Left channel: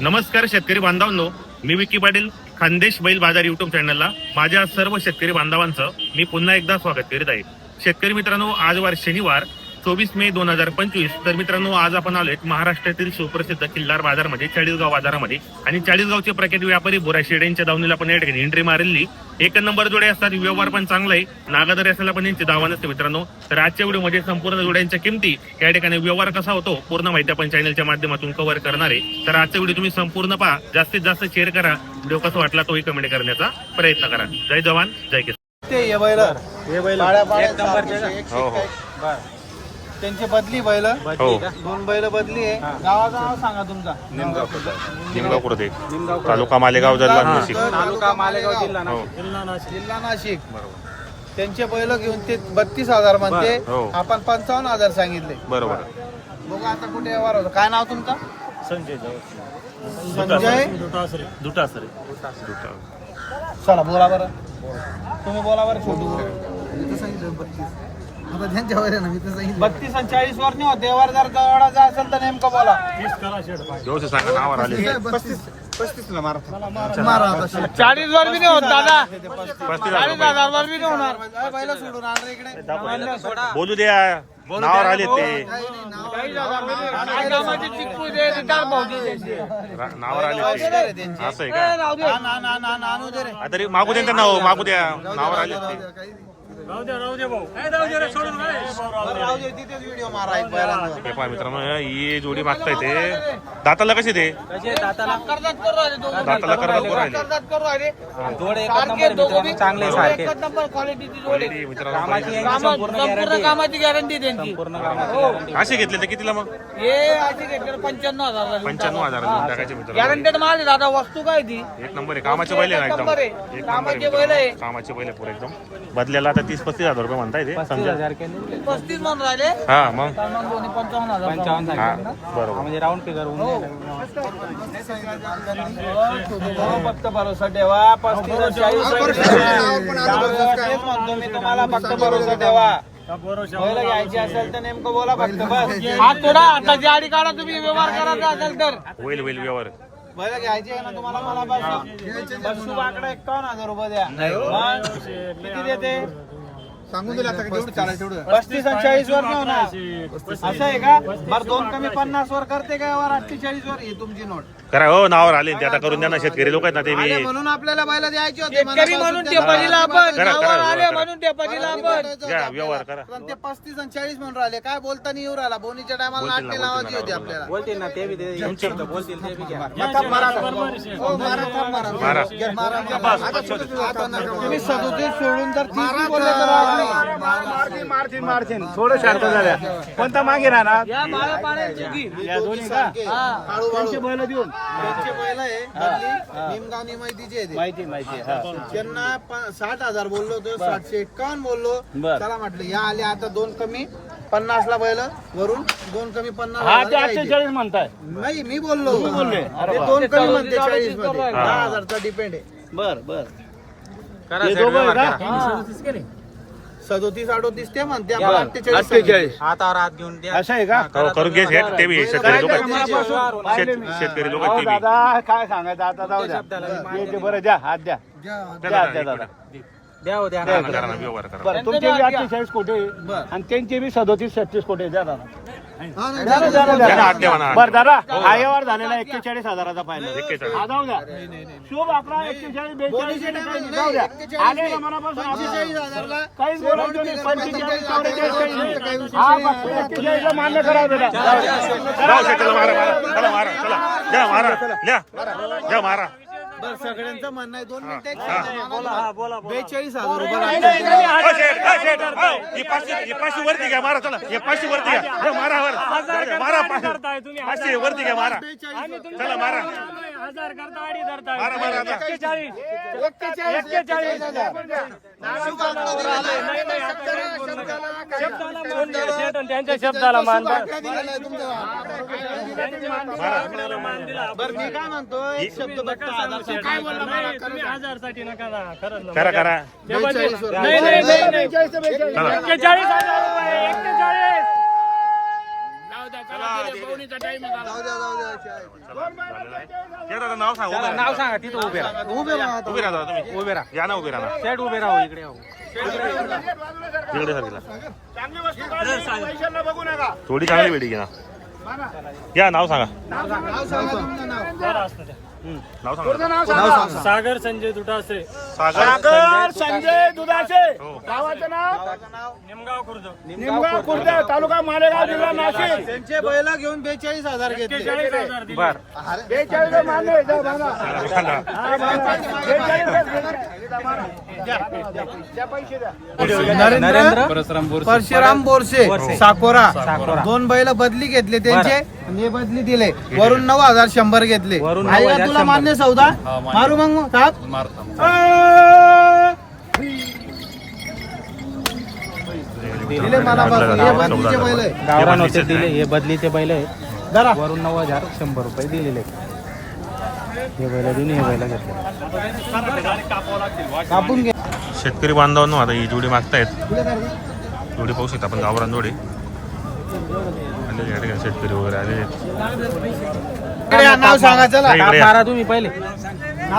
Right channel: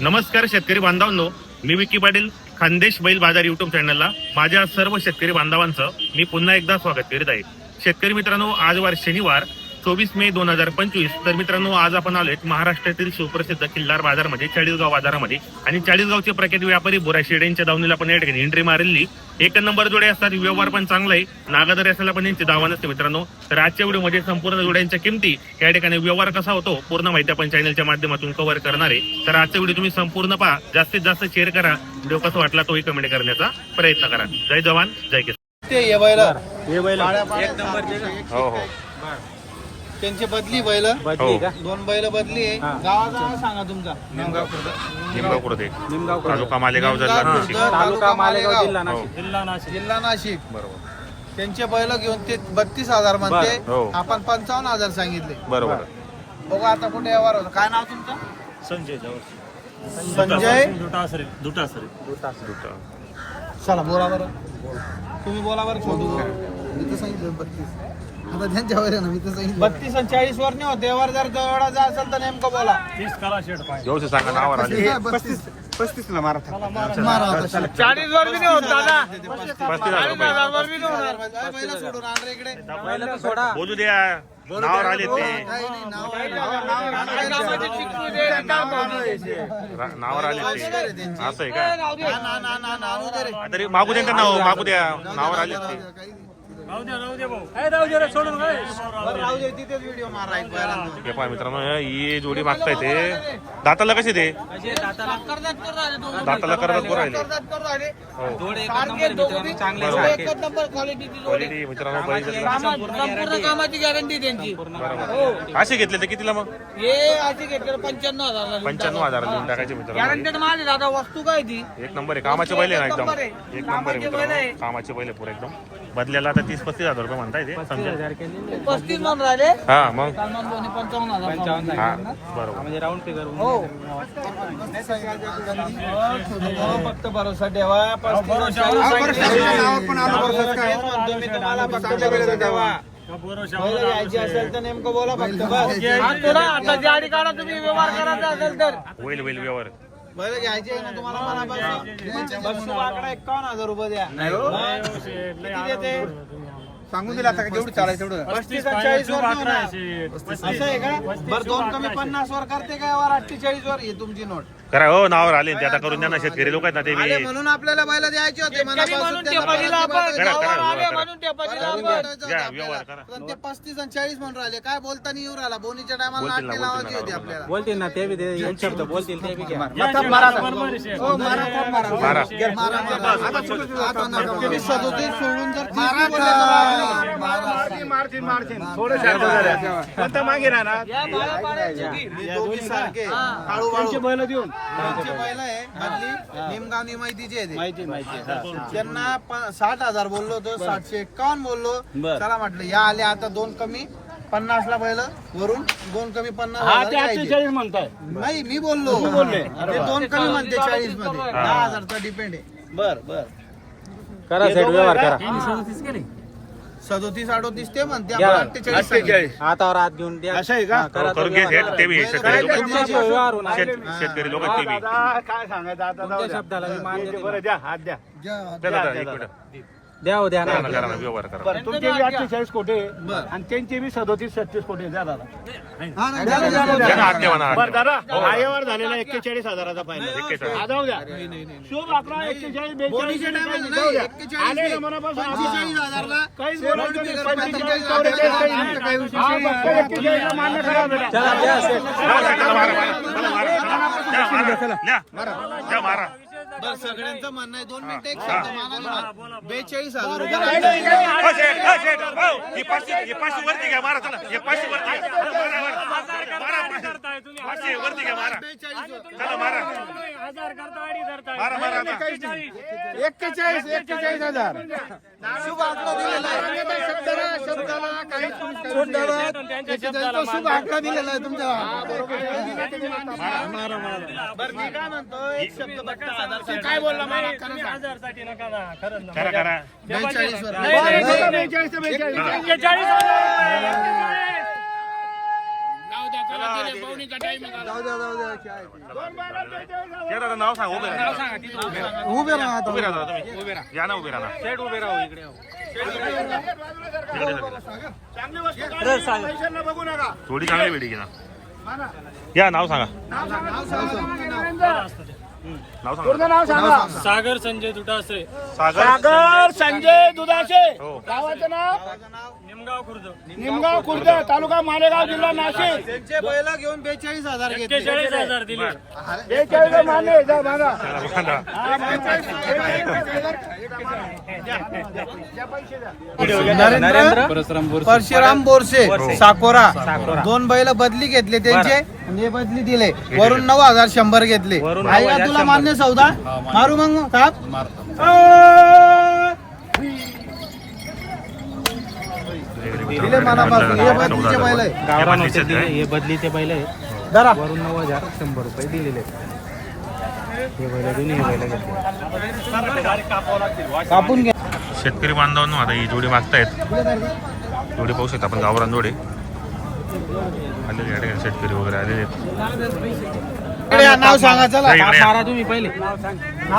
नमस्कार शेतकरी बांधवांनो मी विकी पाटील खानदेश बैल बाजार युट्यूब चॅनलला माझ्या सर्व शेतकरी बांधवांचं मी पुन्हा एकदा स्वागत करीत आहे. शेतकरी मित्रांनो आजवार शनिवार चोवीस मे दोन हजार पंचवीस. तर मित्रांनो आज आपण आलोय महाराष्ट्रातील सुप्रसिद्ध किल्लार बाजारमध्ये चाळीसगाव बाजारामध्ये. आणि चाळीसगावचे प्रख्यात व्यापारी बोरा शेड यांच्या दावणीला आपण या ठिकाणी एंट्री मारलेली एक नंबर जोडे असतात व्यवहार पण चांगला आहे. नागादर असायला पण यांची दावा नसते मित्रांनो. तर आजच्या व्हिडिओमध्ये संपूर्ण जोड्यांच्या किमती या ठिकाणी व्यवहार कसा होतो पूर्ण माहिती आपण चॅनलच्या माध्यमातून कव्हर करणार आहे. तर आजचा व्हिडिओ तुम्ही संपूर्ण पहा. जास्तीत जास्त शेअर करा. व्हिडिओ कसा वाटला तोही कमेंट करण्याचा प्रयत्न करा. जय जवान जय किसान. हो हो त्यांची बदली बैल. हो. दोन बैल बदली आहे. गावाचा नाव सांगा तुमचा. निमगाव कुर्ते तालुका मालेगाव जिल्हा नाशिक. तालुका मालेगाव. हो जिल्हा नाशिक. बरोबर. त्यांचे बैल घेऊन ते बत्तीस हजार म्हणते. हो. आपण पंचावन्न हजार सांगितले. बरोबर. बघू आता कुठे व्यवहार होतो. काय नाव तुमचं? संजय संजय. दुटासरे चला बोला बरं. तुम्ही बोला बरं. छोटू तर सांगितलं बत्तीस. आता त्यांच्यावर आहे ना मी तर सांगितलं. बत्तीस आणि चाळीस वर नाही होते जर असेल तर नेमका बोला. तीस करा शेड पाहिजे व्यवस्थित सांगा नावावर आले. पस्तीस मारा. चाळीस वर बी नाही होत दादा. पस्तीस हजार रुपये. वर बी नाही होणार. काय बैलं सोडून आण रे इकडे. सोडा. बोलू द्या. नावावर आले ते. काही नाही, नाव आहे. रा- नावावर आले ते. असं आहे का? ना, ना, ना, ना, ना, आणू दे रे. आ, तरी मागू दे त्यांना हो, मागू द्या. नावावर आले ते. द्या बरं. हे पहा मित्रांनो ही जोडी मागताय ते. दाताला कसे ते? दाताला कर्जात करू राहिले दोघं. दाताला कर्जात करू राहिले. कर्जात करू राहिले. हो. सारखे दोघं बी बरोबर. एकच नंबर क्वालिटीची जोडी. क्वालिटी मित्रांनो कामाची गॅरंटी त्यांची. बरोबर असे घेतले तर कितीला मग? हे असे घेतले पंच्याण्णव हजार पंच्याण्णव हजार देऊन टाकायचे मित्रांनो. गॅरंटेड माल दादा वस्तू काय ती? एक नंबर आहे. कामाचे आहे ना एकदम. एक नंबर आहे. मित्रांनो. कामाचे आहे पुरे एकदम. बदल्याला आता तीस पस्तीस हजार रुपये म्हणताय ते समजा. पस्तीस म्हणून राहिले. हा मग. सलमान दोन्ही पंचावन्न हजार. हा बरोबर. राऊंड फिगर हो. फक्त भरोसा ठेवा तुम्हाला फक्त भरोसा ठेवा होईल होईल व्यवहार. घ्यायची आहे ना तुम्हाला वाकडा एकावन्न हजार रुपये द्या. मग? किती देते? सांगून दिला आता जेवढं चालायचं तेवढं. पस्तीस चाळीस वर. असं आहे का? बरं दोन कमी पन्नास वर करते का? वर अठ्ठेचाळीस वर? ही तुमची नोट. करा हो नावावर आले ते आता करून द्या ना शेतकरी लोक आहेत ना ते बी. म्हणून आपल्याला बैल द्यायचे होते म्हणून ते बलीला आपण. करा करा म्हणून ते बलीला आपण. घ्या व्यवहार करा. पण ते पस्तीस आणि चाळीस म्हणून राहिले. काय बोलताना येऊ राहिला? बोनीच्या बोलतील ना बोलतील ना बोलतील ना. ते बी दे बोलतील ते बी. घ्या. मारा ना. हो, मारा, मारा. मारा. मारा, मारा. आता नका मारा. सदोतीस सोडून जर आम्ही- कोणता मागे राहणार? या. हे दोन्ही सारखे. काळू. बैल देऊन. त्यांचे बैल आहे निमगाव ते. माहिती माहिती. त्यांना प- साठ हजार बोललो होतो सातशे एक्कावन्न बोललो. बर. चला म्हटलं या आले आता दोन कमी पन्नास ला बैल वरून दोन कमी पन्नास हा घ्यायचे. अठ्ठेचाळीस म्हणताय. नाही मी बोललो. बोलले. ते दोन कमी म्हणते चाळीसमध्ये दहा हजारचा डिपेंड आहे. बर बर. करा सेट व्यवहार करा. सदोतीस अडोतीस ते म्हणते. आपण अठ्ठेचाळीस सांगितले. आता रात घेऊन द्या. असं आहे का? हो, करून घे शेत ते बी शेतकरी लोक. आहेत शेत शेतकरी लोक आहेत ते बी. काय सांगायचं आता जाऊ द्या. बरं द्या हात द्या. द्या एक मिनिट द्या हो द्या करा ना करा ना व्यवहार करा तुमचे बी अठ्ठेचाळीस कोटे बर. आणि त्यांचे बी सदोतीस छत्तीस कोटे द्या दादा हा, नाही, द्या ना, द्या ना, द्या द्या ना ना. आठ द्या म्हणा आठ बरं द्या. दादा हो, हा झालेला एक्केचाळीस हजाराचा फायदा एक्केचाळीस. हा, जाऊ द्या शुभ अकरा एक्केचाळीस बेचाळीस बोनीचे टायमाला जाऊ नाही, द्या एक्केचाळीस आले नाही. ना मनापासून हा. पंचेचाळीस हजारला काहीच रोड बोलत नाही. बिगर पंचेचाळीस, पंचेचाळीस, चौवेचाळीस, अठ्ठेचाळीस, काहीच नाही. हा फक्त एक्केचाळीसला मान्य करा बेटा. जाऊ शेत चला मारा मारा चला मारा चला द्या मारा द्या द्या मारा बरं सगळ्यांचं म्हणणं आहे. दोन मिनिटं एक हा. शब्द मानायला. बेचाळीस हजार रुपये लागतात. हो शेट हो शेट हो ही पाचशे ही पाचशे वरती घ्या मारा चला. हे पाचशे वरती घ्या. हे मारा वर मारा पाचशे. पाचशे वरती घ्या मारा. चला मारा. मारा मारा आता. एक्केचाळीस. एक्केचाळीस हजार. शुभ आकडा दिलेला आहे. शब्दाला, शब्दाला काही- त्यांच्या शब्दाला मान शुभ आकडा दिलेला आहे तुमचा. हा, बरोबर. आहे. दिला तुम्ही मान दिला. बरं मी काय म्हणतो? एक शब्द बघता हजार तू काय बोलला मला खरं सांग. हजारसाठी नका ना खरंच करा करा. बेचाळीस वर. या दादा नाव सांग उभे नाव राहा सांगा तिथं उभे राहा. उभे राहा उभे राहा दादा तुम्ही. उभे राहा. या ना उभे राहा सेट उभे राहू इकडे राहू इकडे सर थोडी चांगली भेटी घ्या या नाव सांगा. नाव सांगा सागर संजय दुटासे सागर? संजय दुधाशे हो. गावाचं नाव? निमगाव खुर्द. तालुका मालेगाव जिल्हा नाशिक. त्यांचे बैला घेऊन बेचाळीस हजार घेतले. एक्केचाळीस हजार दिले. बेचाळीस जा बांधा. नरेंद्र परशुराम बोरसे साकोरा. दोन बैल बदली घेतले त्यांचे हे बदली दिले. वरून नऊ हजार शंभर घेतले. आहे का तुला मान्य सौदा? मारू मग साहेब? दिले मनापासून. हे बदलीचे बैल आहे? हे बदलीचे बैल वरून नऊ हजार शंभर रुपये दिलेले. आहेत. हे बैल दोन्ही हे बैल घेतले. कापून घे. शेतकरी बांधवांनो आता ही जोडी मागतायत. जोडी पाहू शकता आपण गावरान जोडी. आलेले या ठिकाणी शेतकरी वगैरे आलेले नाव सांगा चला. तुम्ही पहिले.